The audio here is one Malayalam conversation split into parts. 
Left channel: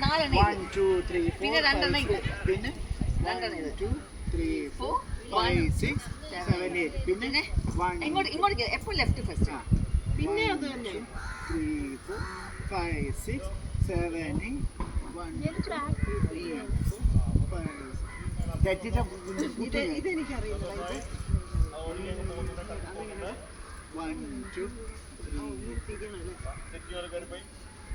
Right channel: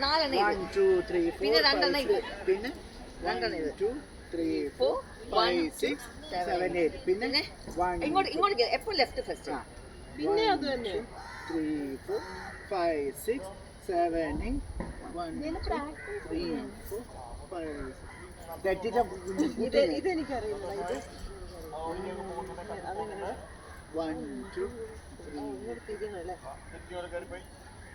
നാലെണ്ണം വൺ ടു ത്രീ പിന്നെ രണ്ടെണ്ണം ഇത്. പിന്നെ രണ്ടെണ്ണം ഇത്. Two three four Four, five one, six seven, seven eight പിന്നെ ഇങ്ങോട്ട് ഇങ്ങോട്ട് എപ്പോഴും ലെഫ്റ്റ് ഫസ്റ്റ് പിന്നെ അത് തന്നെ. Three four five six seven eight one three four five ഇത് ഇതെനിക്കറിയില്ല ഇത് വൺ ടു ഇങ്ങോട്ട്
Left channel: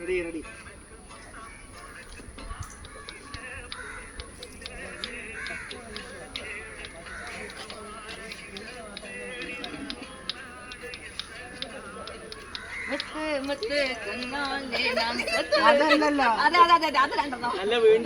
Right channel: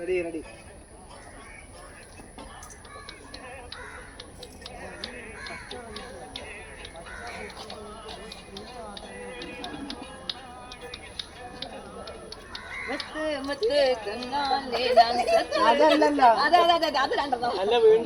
റെഡി റെഡി അതല്ലല്ലോ. അതെ അതെ അതെ അത് രണ്ടെണ്ണം. അല്ല വീണ്ടും